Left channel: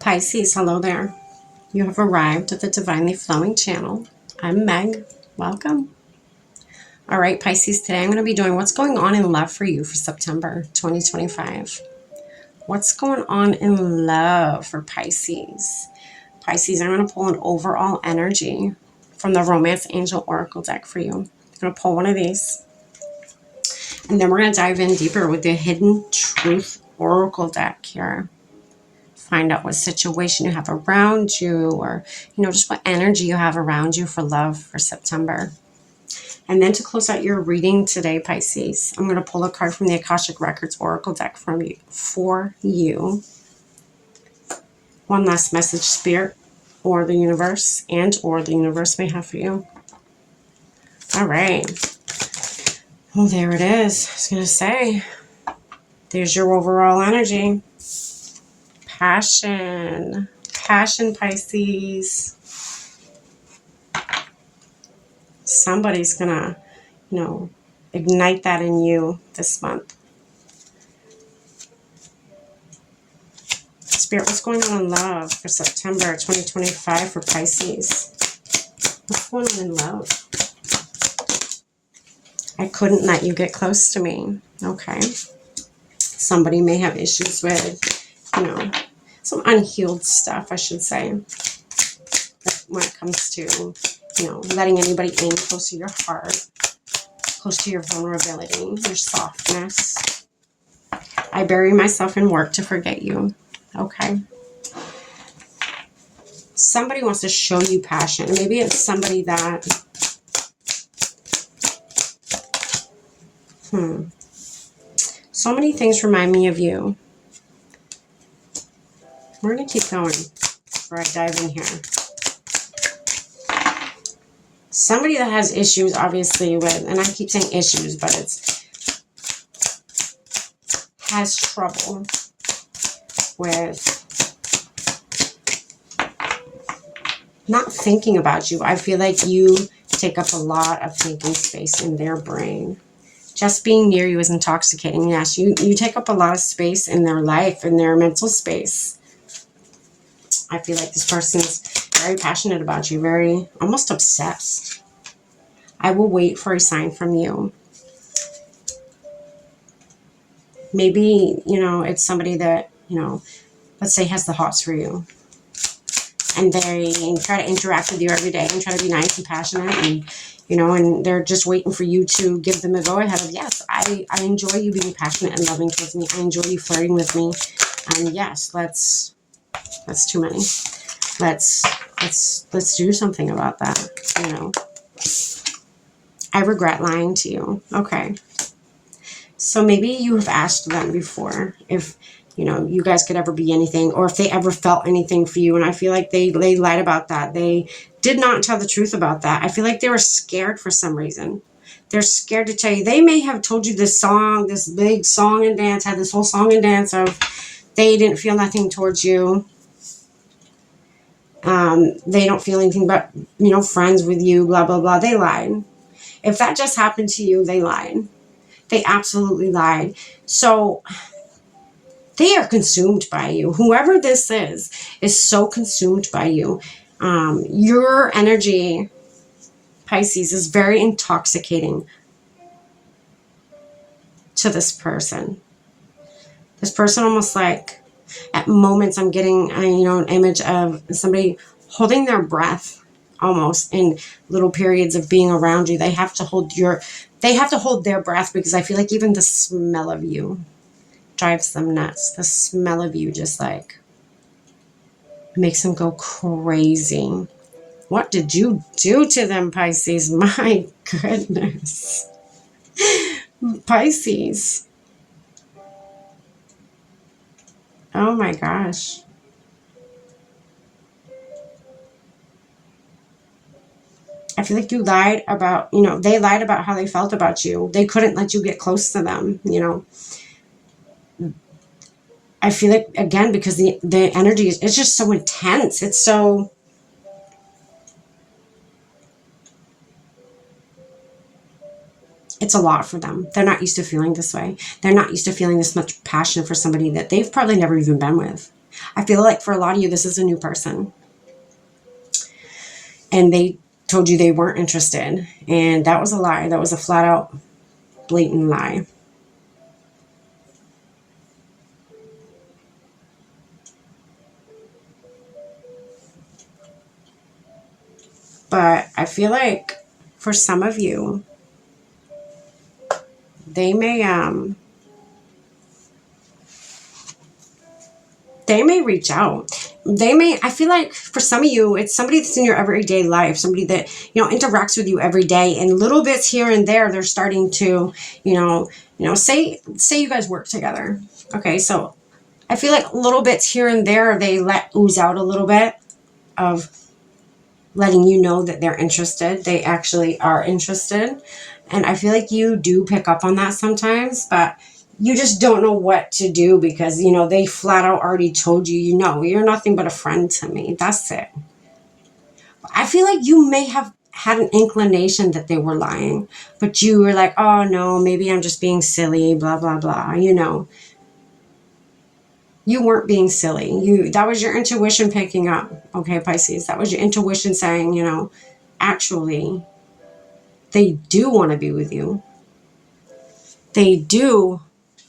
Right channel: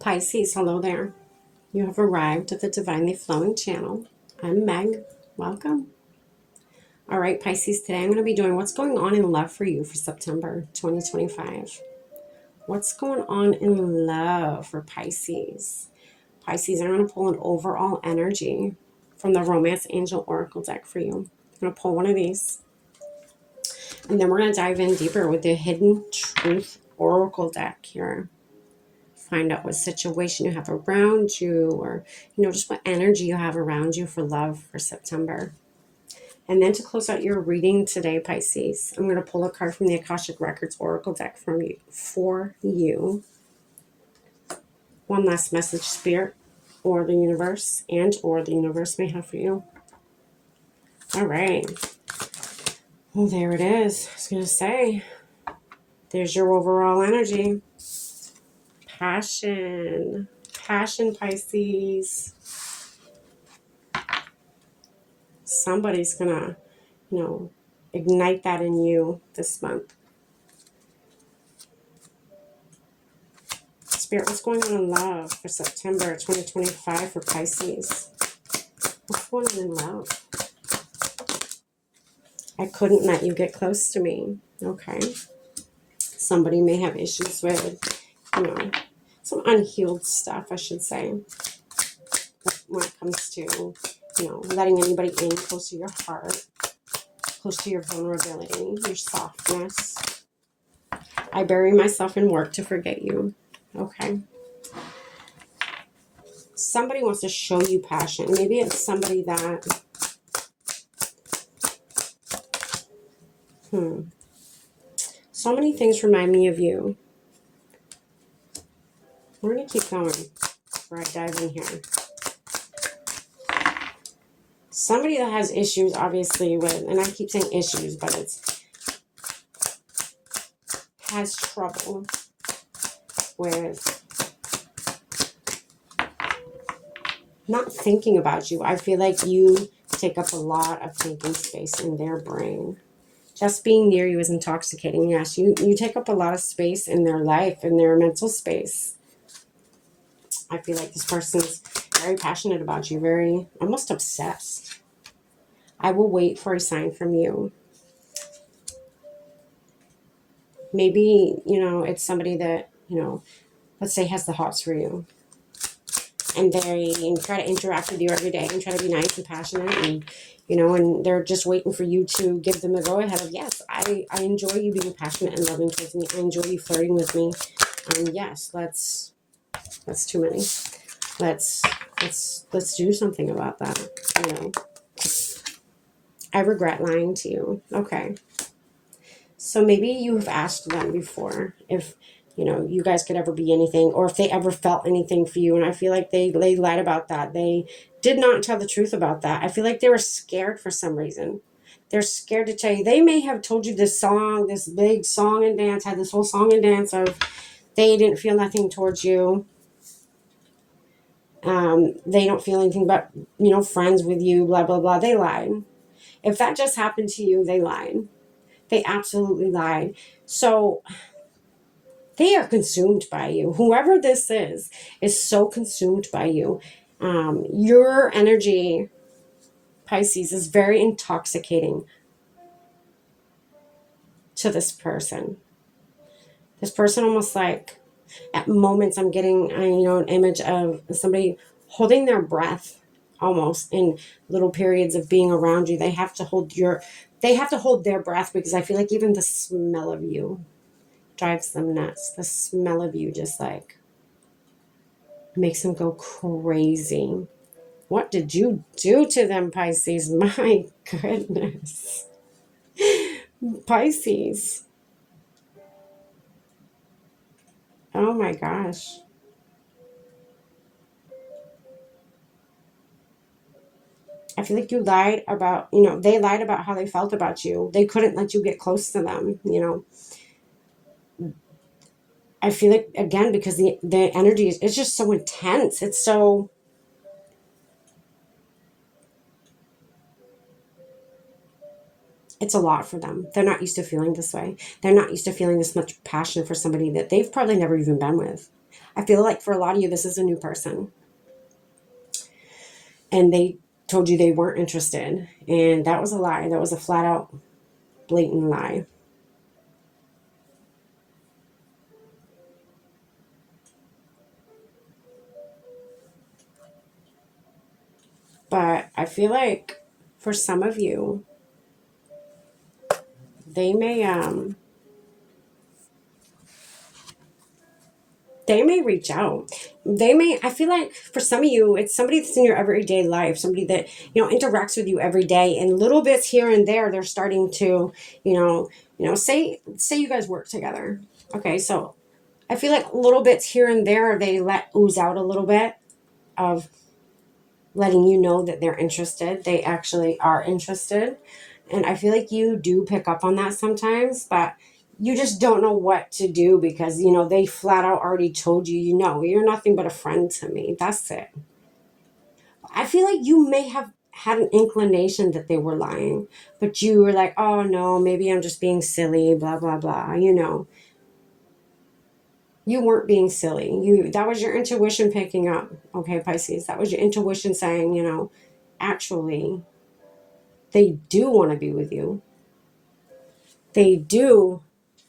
Pisces, hello there. You have arrived at the Divinely Flowing channel. I'm Meg. Welcome. All right, Pisces, today I'm going to be doing what's going on in love for you for September 2025. What's going on in love for Pisces? Pisces, I'm going to pull an overall energy from the Romance Angel Oracle deck for you. I'm going to pull one of these. And then we're going to dive in deeper with the Hidden Truth Oracle deck here. Find out what situation you have around you, or just what energy you have around you for love for September. And then to close out your reading today, Pisces, I'm going to pull a card from the Akashic Records Oracle deck for you. One last message Spirit or the universe may have for you. All right. Well, there it is. I was going to say, there's your overall energy. Passion, Pisces. Somebody's gonna, ignite that in you this month. Spirit, what's going on in love for September 2025 for Pisces? What's going on in love? I couldn't let you get close to me. Okay. Somebody may have issues with, some unhealed stuff, I should say, when it comes to, letting anybody in close to your heart, close to your vulnerability, your softness. I bury myself in work to forget you. Okay. Somebody wants to show you passion. Maybe it's somebody that, so many things remind me of you. We're going to keep going before I dive in here. Somebody that has issues, obviously, with, and I keep saying issues, but has trouble with not thinking about you. I feel like you take up a lot of thinking space in their brain. Just being near you is intoxicating. Yes, you take up a lot of space in their life, in their mental space. I feel like this person's very passionate about you, very, almost obsessed. I will wait for a sign from you. Maybe, it's somebody that, let's say has the hots for you. And they try to interact with you every day and try to be nice and passionate, and and they're just waiting for you to give them a go ahead of, yes, I enjoy you being passionate and loving towards me. I enjoy you flirting with me. And yes, that's too many. Let's do something about that. I regret lying to you. Okay. So maybe you have asked them before if you guys could ever be anything, or if they ever felt anything for you. And I feel like they lied about that. They did not tell the truth about that. I feel like they were scared for some reason. They're scared to tell you. They may have told you this big song and dance, had this whole song and dance of they didn't feel nothing towards you. They don't feel anything but, friends with you, blah, blah, blah. They lied. If that just happened to you, they lied. They absolutely lied. So they are consumed by you. Whoever this is so consumed by you. Your energy, Pisces, is very intoxicating to this person. This person almost like, at moments I'm getting, an image of somebody holding their breath almost in little periods of being around you. They have to hold their breath, because I feel like even the smell of you drives them nuts. The smell of you just like makes them go crazy. What did you do to them, Pisces? My goodness. Pisces. Oh my gosh. I feel like you lied about, they lied about how they felt about you. They couldn't let you get close to them, I feel like, again, because the energy is, it's just so intense. It's so, it's a lot for them. They're not used to feeling this way. They're not used to feeling this much passion for somebody that they've probably never even been with. I feel like for a lot of you, this is a new person. And they told you they weren't interested. And that was a lie. That was a flat out, blatant lie. But I feel like for some of you, they may reach out. I feel like for some of you, it's somebody that's in your everyday life, somebody that, interacts with you every day, and little bits here and there, they're starting to, say you guys work together. Okay. So I feel like little bits here and there, they let ooze out a little bit of letting you know that they're interested. They actually are interested. And I feel like you do pick up on that sometimes, but you just don't know what to do because, they flat out already told you, you're nothing but a friend to me. That's it. I feel like you may have had an inclination that they were lying, but you were like, oh no, maybe I'm just being silly, blah, blah, blah. You weren't being silly. That was your intuition picking up. Okay, Pisces, that was your intuition saying, actually, they do want to be with you. They do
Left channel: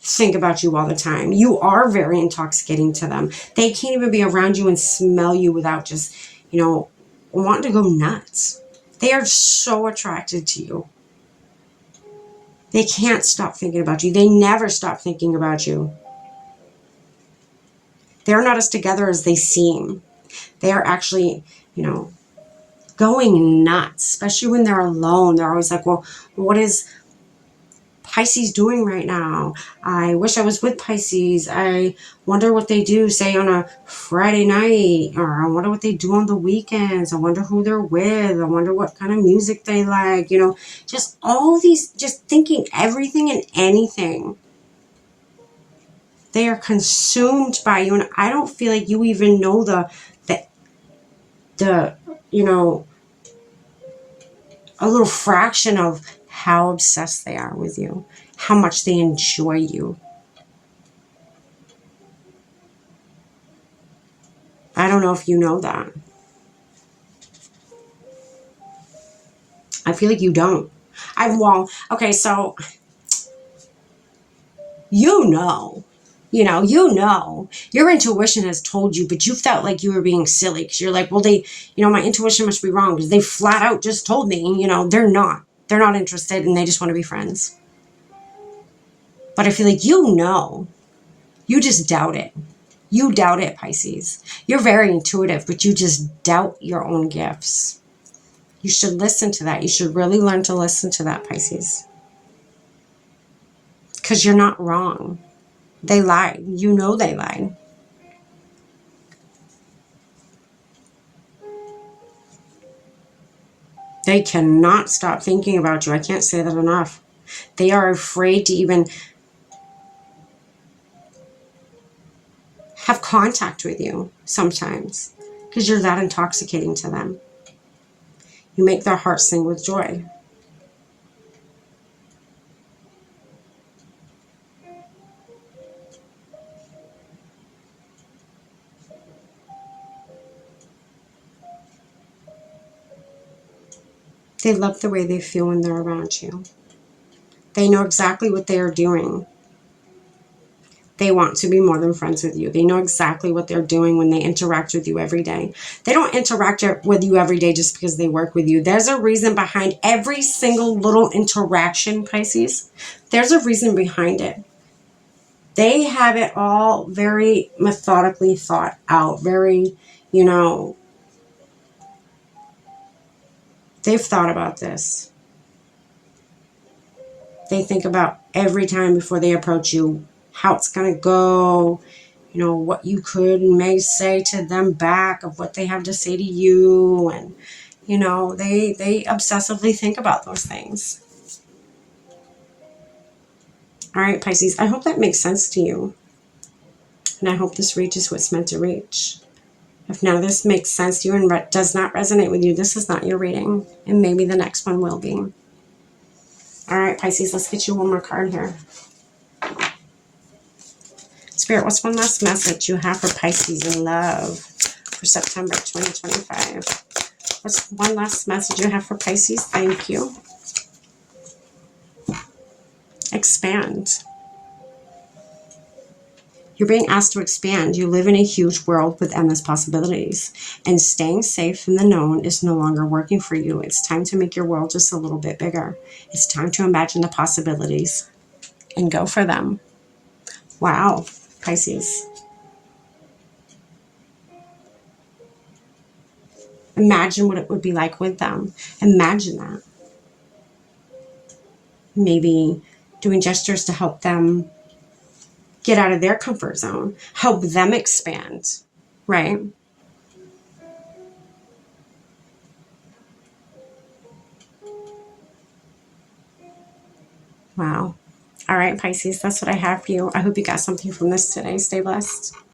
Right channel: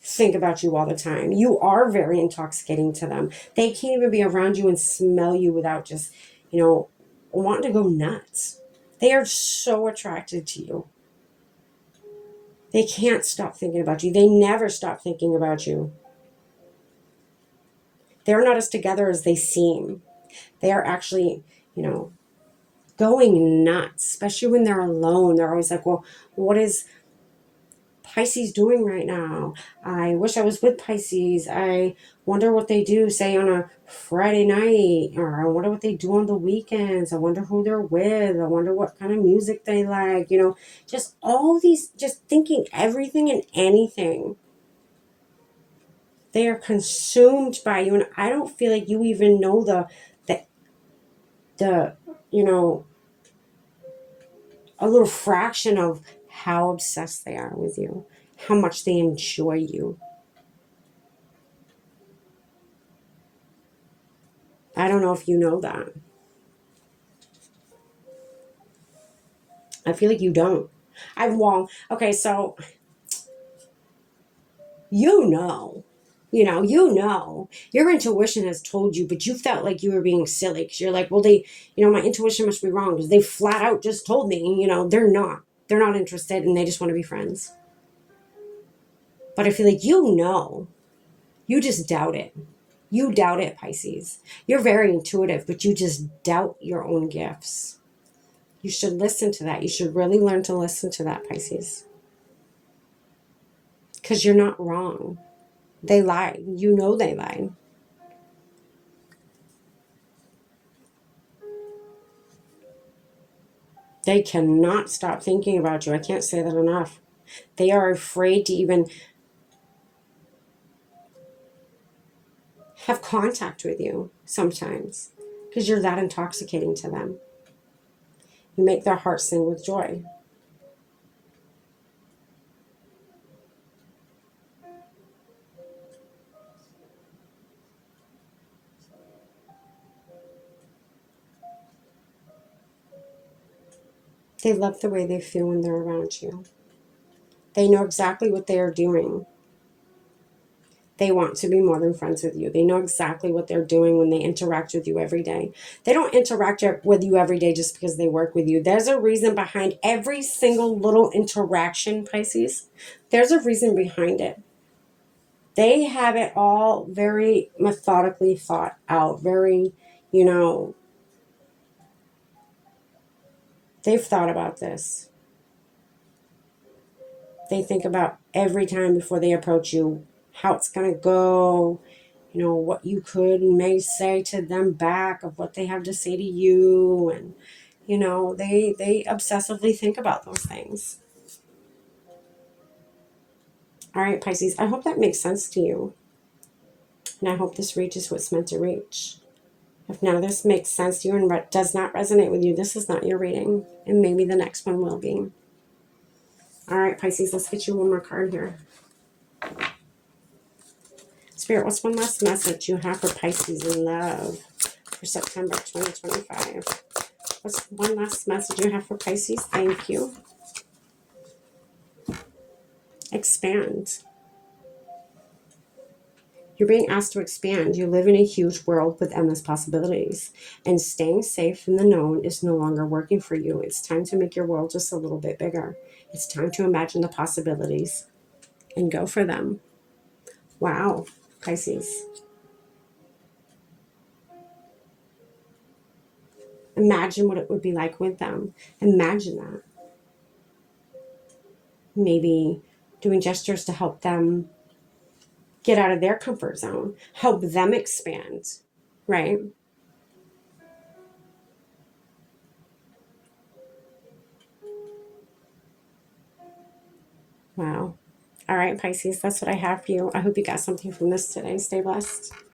think about you all the time. You are very intoxicating to them. They can't even be around you and smell you without just, wanting to go nuts. They are so attracted to you. They can't stop thinking about you. They never stop thinking about you. They're not as together as they seem. They are actually, going nuts, especially when they're alone. They're always like, well, what is Pisces doing right now? I wish I was with Pisces. I wonder what they do, say, on a Friday night, or I wonder what they do on the weekends. I wonder who they're with. I wonder what kind of music they like. Just all these, just thinking everything and anything. They are consumed by you, and I don't feel like you even know the a little fraction of how obsessed they are with you, how much they enjoy you. I don't know if you know that. I feel like you don't. Okay, so your intuition has told you, but you felt like you were being silly because you're like, well, my intuition must be wrong because they flat out just told me, they're not interested and they just want to be friends. But I feel like you just doubt it. You doubt it, Pisces. You're very intuitive, but you just doubt your own gifts. You should listen to that. You should really learn to listen to that, Pisces. Because you're not wrong. They lied. They lied. They cannot stop thinking about you. I can't say that enough. They are afraid to even have contact with you sometimes because you're that intoxicating to them. You make their hearts sing with joy. They love the way they feel when they're around you. They know exactly what they are doing. They want to be more than friends with you. They know exactly what they're doing when they interact with you every day. They don't interact with you every day just because they work with you. There's a reason behind every single little interaction, Pisces. There's a reason behind it. They have it all very methodically thought out, very, they've thought about this. They think about every time before they approach you, how it's going to go, what you could and may say to them back of what they have to say to you. And, they obsessively think about those things. All right, Pisces, I hope that makes sense to you. And I hope this reaches what's meant to reach. If none of this makes sense to you and does not resonate with you, this is not your reading. And maybe the next one will be. All right, Pisces, let's get you one more card here. Spirit, what's one last message you have for Pisces in love for September 2025? What's one last message you have for Pisces? Thank you. Expand. You're being asked to expand. You live in a huge world with endless possibilities, and staying safe in the known is no longer working for you. It's time to make your world just a little bit bigger. It's time to imagine the possibilities and go for them. Wow, Pisces. Imagine what it would be like with them. Imagine that. Maybe doing gestures to help them get out of their comfort zone, help them expand, right? Wow. All right, Pisces, that's what I have for you. I hope you got something from this today. Stay blessed.